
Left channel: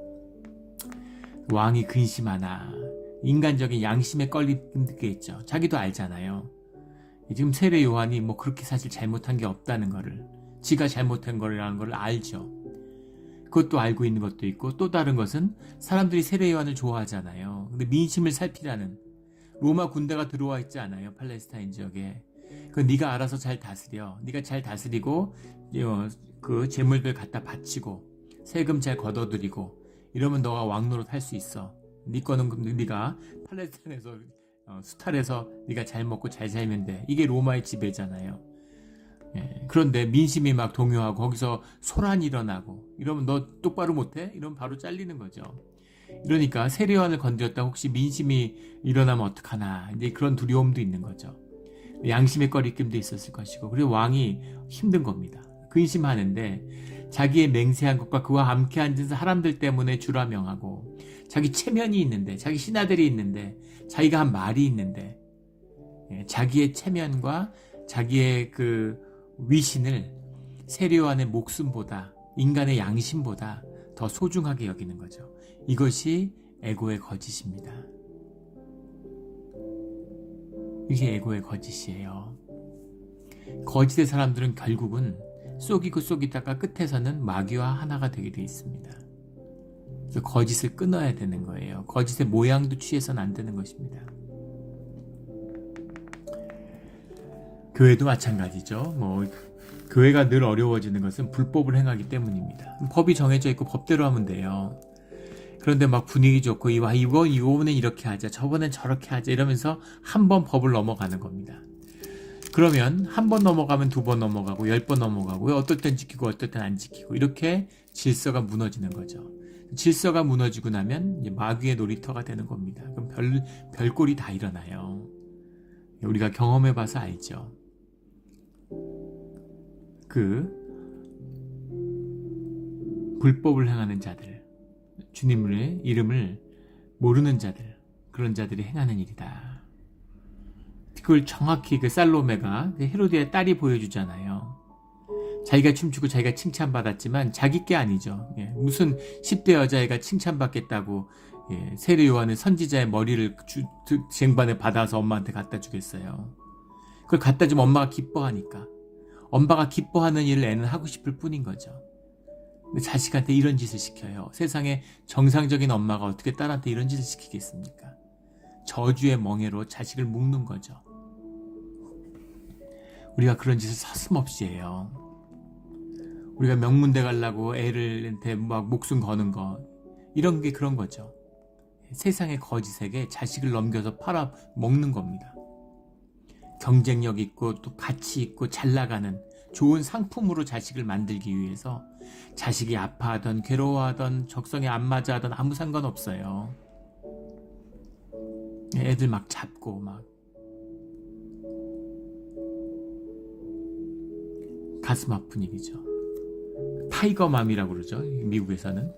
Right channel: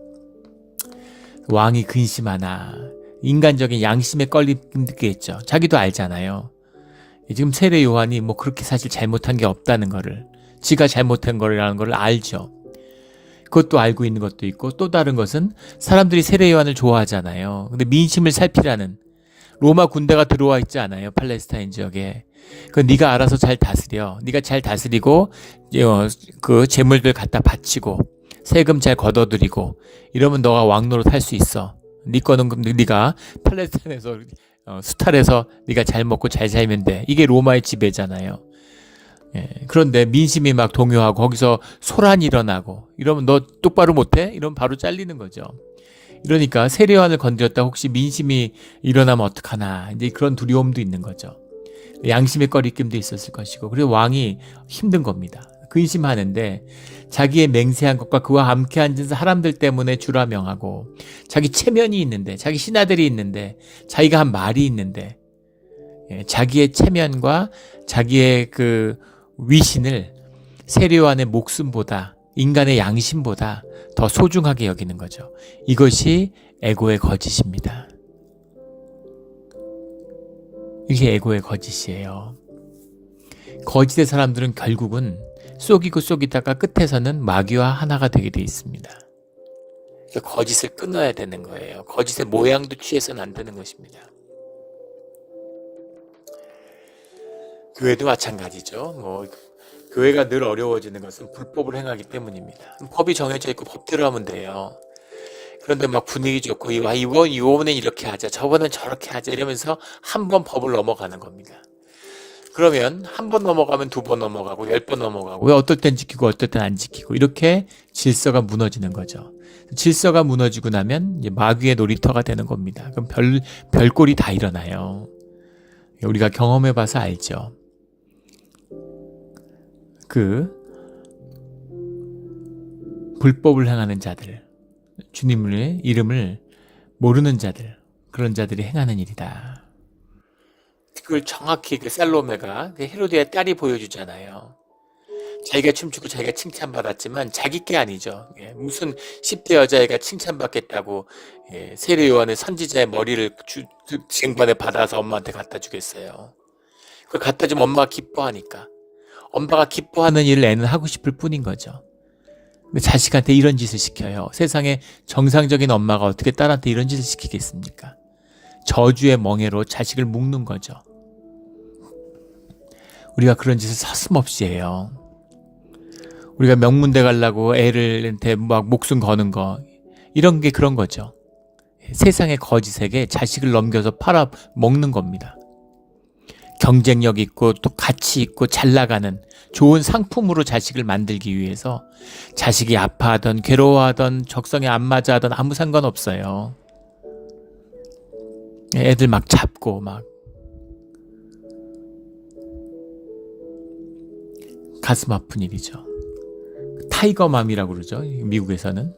왕이 근심하나 인간적인 양심에 걸리겠죠. 자기도 알잖아요. 지금 세례 요한이 뭐 그렇게 사실 잘못한 게 없다는 거를, 지가 잘못한 거라는 걸 알죠. 그것도 알고 있는 것도 있고, 또 다른 것은 사람들이 세례 요한을 좋아하잖아요. 근데 민심을 살피라는 로마 군대가 들어와 있지 않아요, 팔레스타인 지역에. 그 네가 알아서 잘 다스려. 네가 잘 다스리고 그 재물들 갖다 바치고 세금 잘 걷어들이고 이러면 너가 왕노릇 할 수 있어. 네 거는 네가 팔레스타인에서 수탈해서 네가 잘 먹고 잘 살면 돼. 이게 로마의 지배잖아요. 그런데 민심이 막 동요하고 거기서 소란이 일어나고 이러면 너 똑바로 못해? 이러면 바로 잘리는 거죠. 이러니까 세례 요한을 건드렸다 혹시 민심이 일어나면 어떡하나, 이제 그런 두려움도 있는 거죠. 양심의 꺼리낌도 있었을 것이고, 그리고 왕이 힘든 겁니다. 근심하는데 자기의 맹세한 것과 그와 함께 앉은 사람들 때문에 주라 명하고, 자기 체면이 있는데, 자기 신하들이 있는데, 자기가 한 말이 있는데, 자기의 체면과 자기의 그 위신을 세례 요한의 목숨보다, 인간의 양심보다 더 소중하게 여기는 거죠. 이것이 에고의 거짓입니다. 이게 에고의 거짓이에요. 거짓의 사람들은 결국은 속이고 속이다가 끝에서는 마귀와 하나가 되게 돼 있습니다. 그러니까 거짓을 끊어야 되는 거예요. 거짓의 모양도 취해서는 안 되는 것입니다. 교회도 마찬가지죠. 교회가 늘 어려워지는 것은 불법을 행하기 때문입니다. 법이 정해져 있고 법대로 하면 돼요. 그런데 막 분위기 좋고 이번엔 이렇게 하자, 저번엔 저렇게 하자 이러면서 한 번 법을 넘어가는 겁니다. 그러면 한 번 넘어가면 두 번 넘어가고 10번 넘어가고, 어떨 땐 지키고 어떨 땐 안 지키고, 이렇게 질서가 무너지는 거죠. 질서가 무너지고 나면 이제 마귀의 놀이터가 되는 겁니다. 그럼 별꼴이 다 일어나요. 우리가 경험해봐서 알죠. 그 불법을 행하는 자들, 주님의 이름을 모르는 자들, 그런 자들이 행하는 일이다. 그걸 정확히 그 살로메가 헤로디아의 딸이 보여주잖아요. 자기가 춤추고 자기가 칭찬받았지만 자기 게 아니죠. 무슨 10대 여자애가 칭찬받겠다고 세례 요한의 선지자의 머리를 쟁반에 받아서 엄마한테 갖다 주겠어요. 그걸 갖다 주면 엄마가 기뻐하니까. 엄마가 기뻐하는 일을 애는 하고 싶을 뿐인 거죠. 근데 자식한테 이런 짓을 시켜요. 세상에 정상적인 엄마가 어떻게 딸한테 이런 짓을 시키겠습니까? 저주의 멍에로 자식을 묶는 거죠. 우리가 그런 짓을 서슴없이 해요. 우리가 명문대 가려고 애들한테 막 목숨 거는 거, 이런 게 그런 거죠. 세상의 거짓에게 자식을 넘겨서 팔아 먹는 겁니다. 경쟁력 있고 또 가치 있고 잘 나가는 좋은 상품으로 자식을 만들기 위해서 자식이 아파하던 괴로워하던 적성에 안 맞아 하던 아무 상관없어요. 애들 막 잡고 막 가슴 아픈 일이죠. 타이거맘이라고 그러죠. 미국에서는.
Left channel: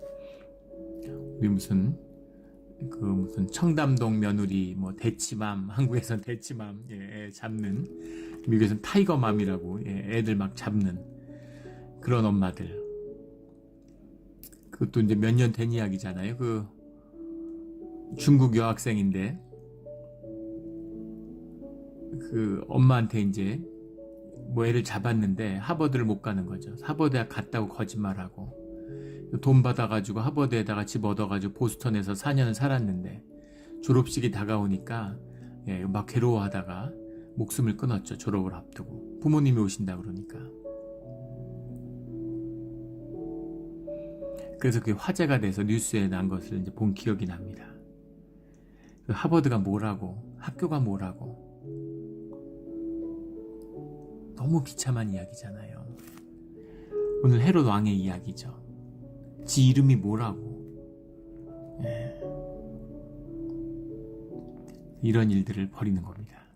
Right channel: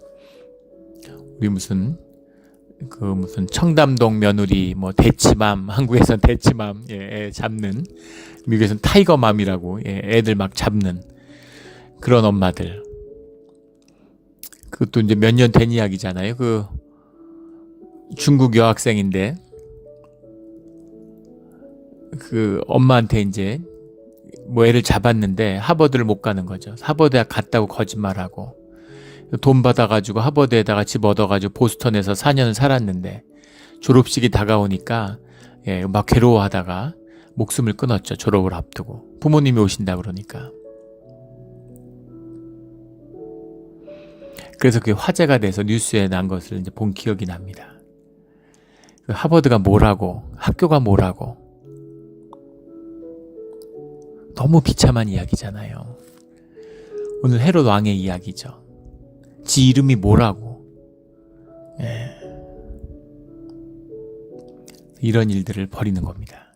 우리 무슨 청담동 며느리 뭐 대치맘, 한국에서는 대치맘, 애 잡는, 미국에서는 타이거맘이라고, 애들 막 잡는 그런 엄마들. 그것도 이제 몇 년 된 이야기잖아요. 그 중국 여학생인데 그 엄마한테 이제 뭐 애를 잡았는데 하버드를 못 가는 거죠. 하버드에 갔다고 거짓말하고 돈 받아가지고 하버드에다가 집 얻어가지고 보스턴에서 4년 살았는데 졸업식이 다가오니까 막 괴로워하다가 목숨을 끊었죠. 졸업을 앞두고 부모님이 오신다 그러니까. 그래서 그게 화제가 돼서 뉴스에 난 것을 이제 본 기억이 납니다. 하버드가 뭐라고, 학교가 뭐라고. 너무 비참한 이야기잖아요. 오늘 헤롯 왕의 이야기죠. 지 이름이 뭐라고. 이런 일들을 벌이는 겁니다.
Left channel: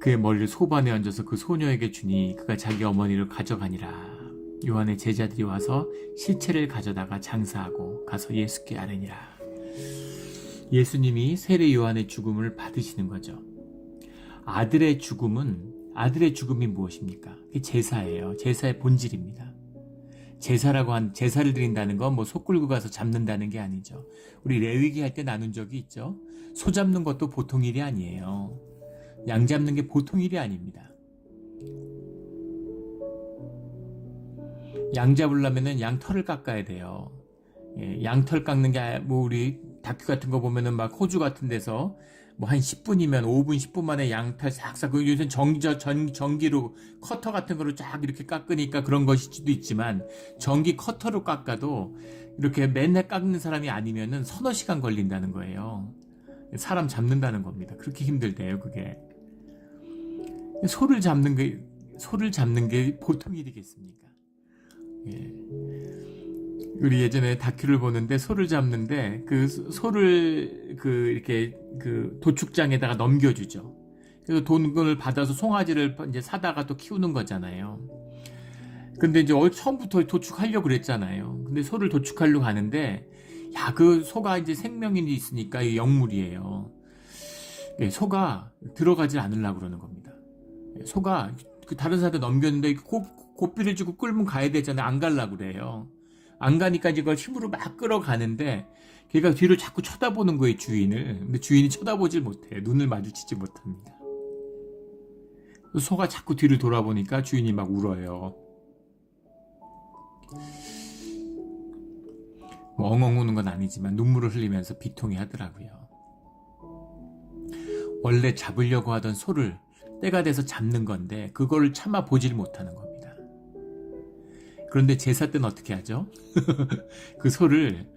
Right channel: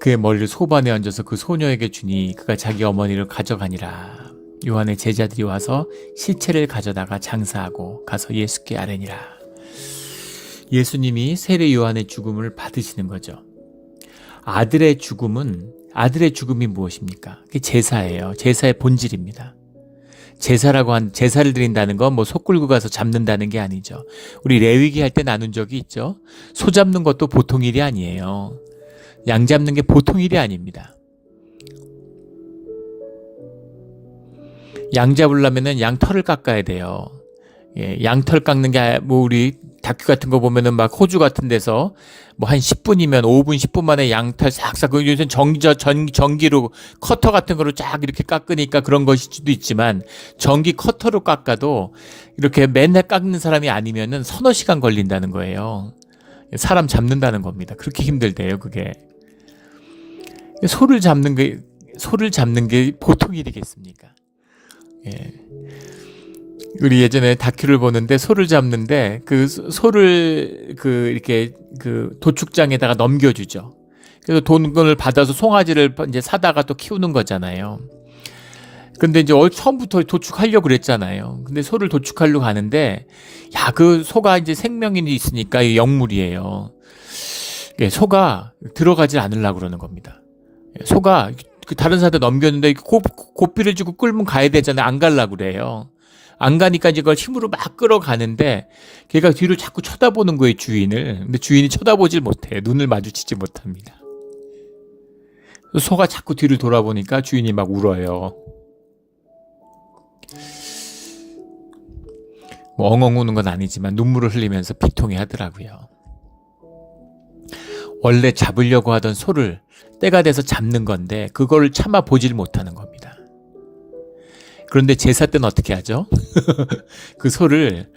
그의 머리를 소반에 얹어서 그 소녀에게 주니 그가 자기 어머니를 가져가니라. 요한의 제자들이 와서 시체를 가져다가 장사하고 가서 예수께 아뢰니라. 예수님이 세례 요한의 죽음을 받으시는 거죠. 아들의 죽음이 무엇입니까? 그게 제사예요. 제사의 본질입니다. 제사를 드린다는 건 뭐 소 끌고 가서 잡는다는 게 아니죠. 우리 레위기 할 때 나눈 적이 있죠. 소 잡는 것도 보통 일이 아니에요. 양 잡는 게 보통 일이 아닙니다. 양 잡으려면은 양 털을 깎아야 돼요. 양털 깎는 게 뭐 우리 다큐 같은 거 보면은 막 호주 같은 데서 뭐 한 10분이면 5분 10분 만에 양털 싹싹, 요새 전기로 커터 같은 거로 쫙 이렇게 깎으니까 그런 것일 수도 있지만 전기 커터로 깎아도 이렇게 맨날 깎는 사람이 아니면은 서너 시간 걸린다는 거예요. 사람 잡는다는 겁니다. 그렇게 힘들대요, 그게. 소를 잡는 게 보통 일이겠습니까? 우리 예전에 다큐를 보는데 소를 잡는데 그 소를 이렇게 도축장에다가 넘겨주죠. 그래서 돈을 받아서 송아지를 이제 사다가 또 키우는 거잖아요. 근데 이제 처음부터 도축하려고 그랬잖아요. 근데 소를 도축하려고 하는데 그 소가 이제 생명이 있으니까 영물이에요. 소가 들어가지 않으려고 그러는 겁니다. 소가 다른 사람한테 넘겼는데 고삐를 주고 끌면 가야 되잖아요. 안 가려고 그래요. 안 가니까 이걸 힘으로 막 끌어가는데 걔가 뒤를 자꾸 쳐다보는 거예요, 주인을. 근데 주인이 쳐다보질 못해요. 눈을 마주치지 못합니다. 소가 자꾸 뒤를 돌아보니까 주인이 막 울어요. 뭐 엉엉 우는 건 아니지만 눈물을 흘리면서 비통해 하더라고요. 원래 잡으려고 하던 소를 때가 돼서 잡는 건데 그걸 참아 보질 못하는 겁니다. 그런데 제사 때는 어떻게 하죠? 그 소를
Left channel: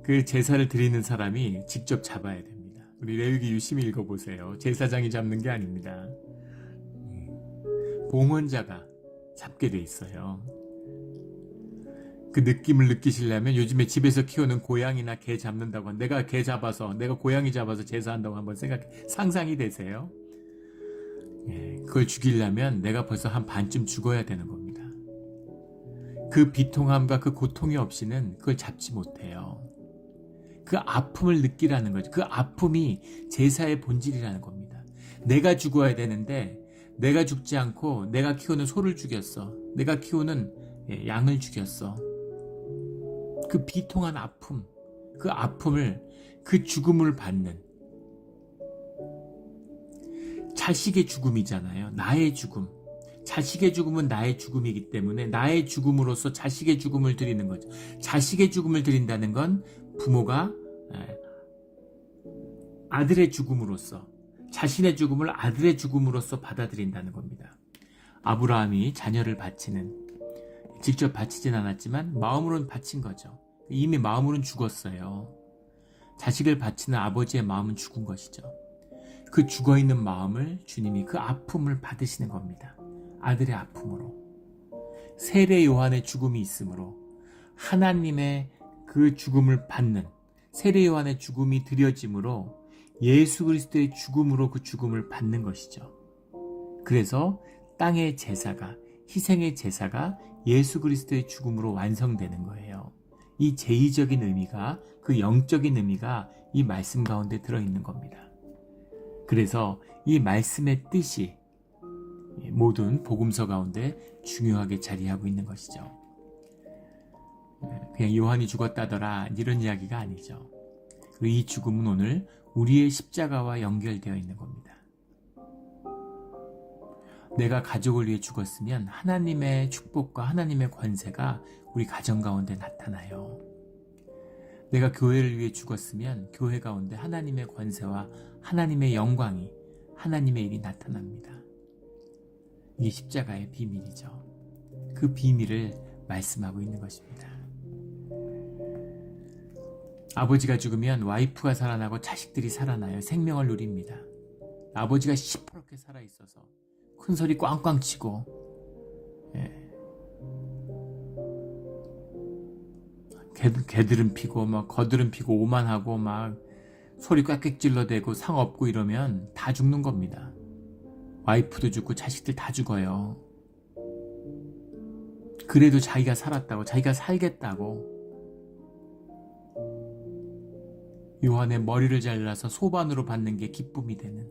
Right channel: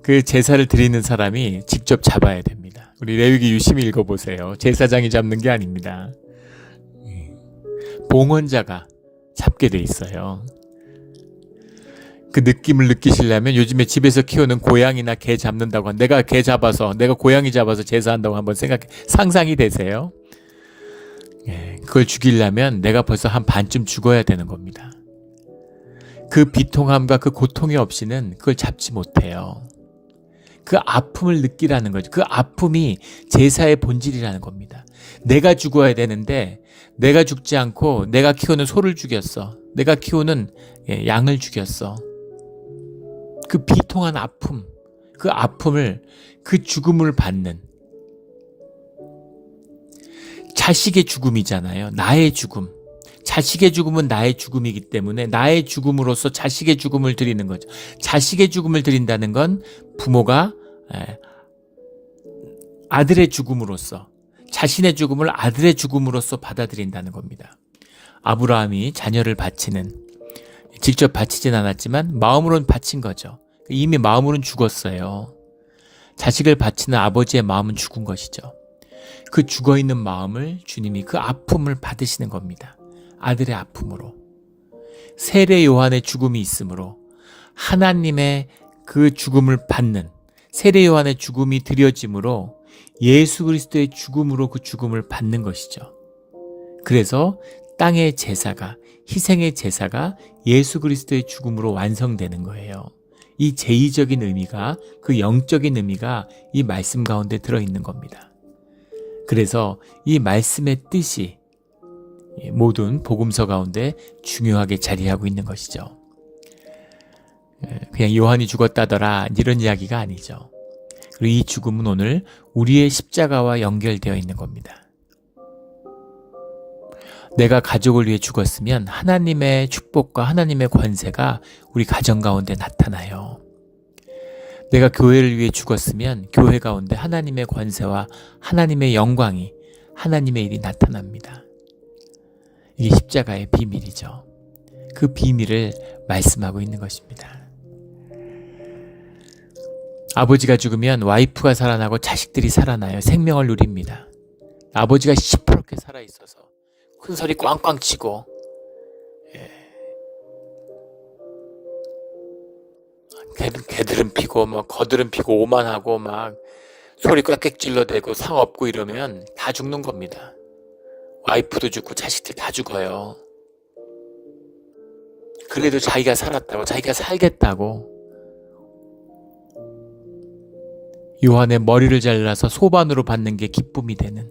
그 제사를 드리는 사람이 직접 잡아야 됩니다. 우리 레위기 유심히 읽어보세요. 제사장이 잡는 게 아닙니다. 봉헌자가 잡게 돼 있어요. 그 느낌을 느끼시려면 요즘에 집에서 키우는 고양이나 개 잡는다고 내가 고양이 잡아서 제사한다고 한번 상상이 되세요? 그걸 죽이려면 내가 벌써 한 반쯤 죽어야 되는 겁니다. 그 비통함과 그 고통이 없이는 그걸 잡지 못해요. 그 아픔을 느끼라는 거죠. 그 아픔이 제사의 본질이라는 겁니다. 내가 죽어야 되는데 내가 죽지 않고 내가 키우는 소를 죽였어. 내가 키우는 양을 죽였어. 그 비통한 아픔, 그 아픔을, 그 죽음을 받는 자식의 죽음이잖아요. 나의 죽음. 자식의 죽음은 나의 죽음이기 때문에 나의 죽음으로써 자식의 죽음을 드리는 거죠. 자식의 죽음을 드린다는 건 부모가 아들의 죽음으로써, 자신의 죽음을 아들의 죽음으로써 받아들인다는 겁니다. 아브라함이 자녀를 바치는, 직접 바치진 않았지만 마음으로는 바친 거죠. 이미 마음으로는 죽었어요. 자식을 바치는 아버지의 마음은 죽은 것이죠. 그 죽어있는 마음을 주님이 그 아픔을 받으시는 겁니다. 아들의 아픔으로. 세례 요한의 죽음이 있으므로 하나님의 그 죽음을 받는, 세례 요한의 죽음이 드려짐으로 예수 그리스도의 죽음으로 그 죽음을 받는 것이죠. 그래서 땅의 제사가, 희생의 제사가 예수 그리스도의 죽음으로 완성되는 거예요. 이 제의적인 의미가, 그 영적인 의미가 이 말씀 가운데 들어있는 겁니다. 그래서 이 말씀의 뜻이 모든 복음서 가운데 중요하게 자리하고 있는 것이죠. 그냥 요한이 죽었다더라 이런 이야기가 아니죠. 그리고 이 죽음은 오늘 우리의 십자가와 연결되어 있는 겁니다. 내가 가족을 위해 죽었으면 하나님의 축복과 하나님의 권세가 우리 가정 가운데 나타나요. 내가 교회를 위해 죽었으면 교회 가운데 하나님의 권세와 하나님의 영광이, 하나님의 일이 나타납니다. 이게 십자가의 비밀이죠. 그 비밀을 말씀하고 있는 것입니다. 아버지가 죽으면 와이프가 살아나고 자식들이 살아나요. 생명을 누립니다. 아버지가 시퍼렇게 살아있어서 큰 소리 꽝꽝 치고 개들은 피고 막 거들은 피고 오만하고 막 소리 꽥꽥 질러대고 상 없고 이러면 다 죽는 겁니다. 와이프도 죽고 자식들 다 죽어요. 그래도 자기가 살았다고, 자기가 살겠다고 요한의 머리를 잘라서 소반으로 받는 게 기쁨이 되는,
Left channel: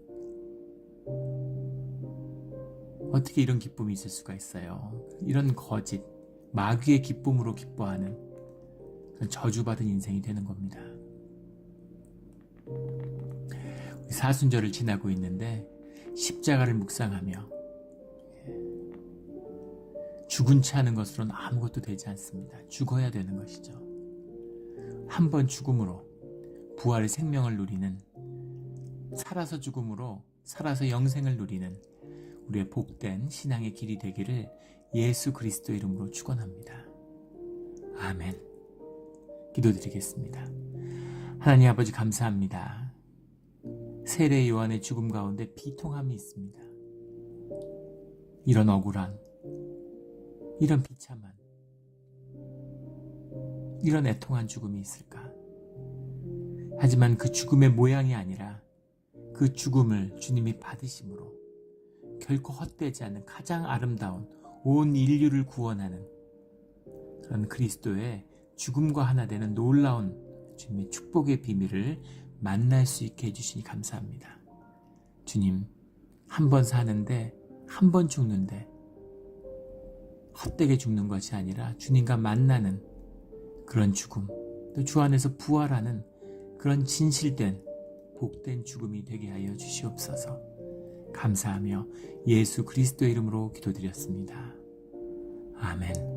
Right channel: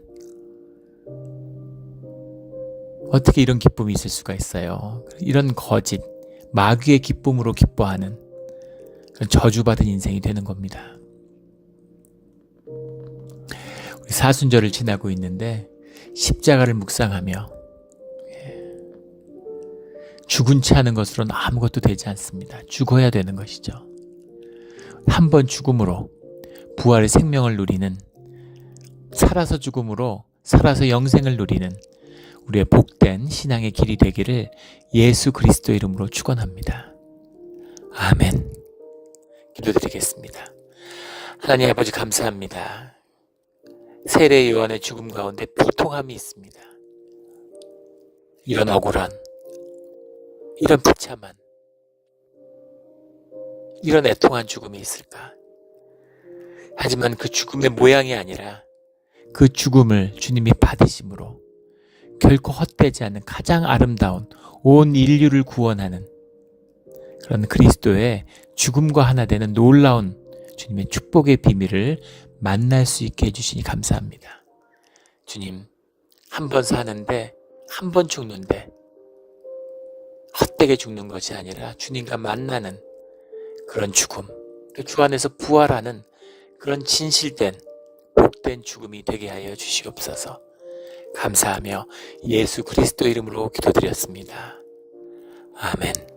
어떻게 이런 기쁨이 있을 수가 있어요. 이런 거짓, 마귀의 기쁨으로 기뻐하는 그런 저주받은 인생이 되는 겁니다. 우리 사순절을 지나고 있는데 십자가를 묵상하며 죽은 채 하는 것으로는 아무것도 되지 않습니다. 죽어야 되는 것이죠. 한 번 죽음으로 부활의 생명을 누리는, 살아서 죽음으로 살아서 영생을 누리는 우리의 복된 신앙의 길이 되기를 예수 그리스도 이름으로 축원합니다. 아멘. 기도드리겠습니다. 하나님 아버지 감사합니다. 세례 요한의 죽음 가운데 비통함이 있습니다. 이런 억울한, 이런 비참한, 이런 애통한 죽음이 있을까? 하지만 그 죽음의 모양이 아니라 그 죽음을 주님이 받으심으로 결코 헛되지 않는 가장 아름다운, 온 인류를 구원하는 그런 그리스도의 죽음과 하나 되는 놀라운 주님의 축복의 비밀을 만날 수 있게 해주시니 감사합니다. 주님, 한 번 사는데, 한 번 죽는데 헛되게 죽는 것이 아니라 주님과 만나는 그런 죽음, 또 주 안에서 부활하는 그런 진실된 복된 죽음이 되게 하여 주시옵소서. 감사하며 예수 그리스도 이름으로 기도드렸습니다. 아멘.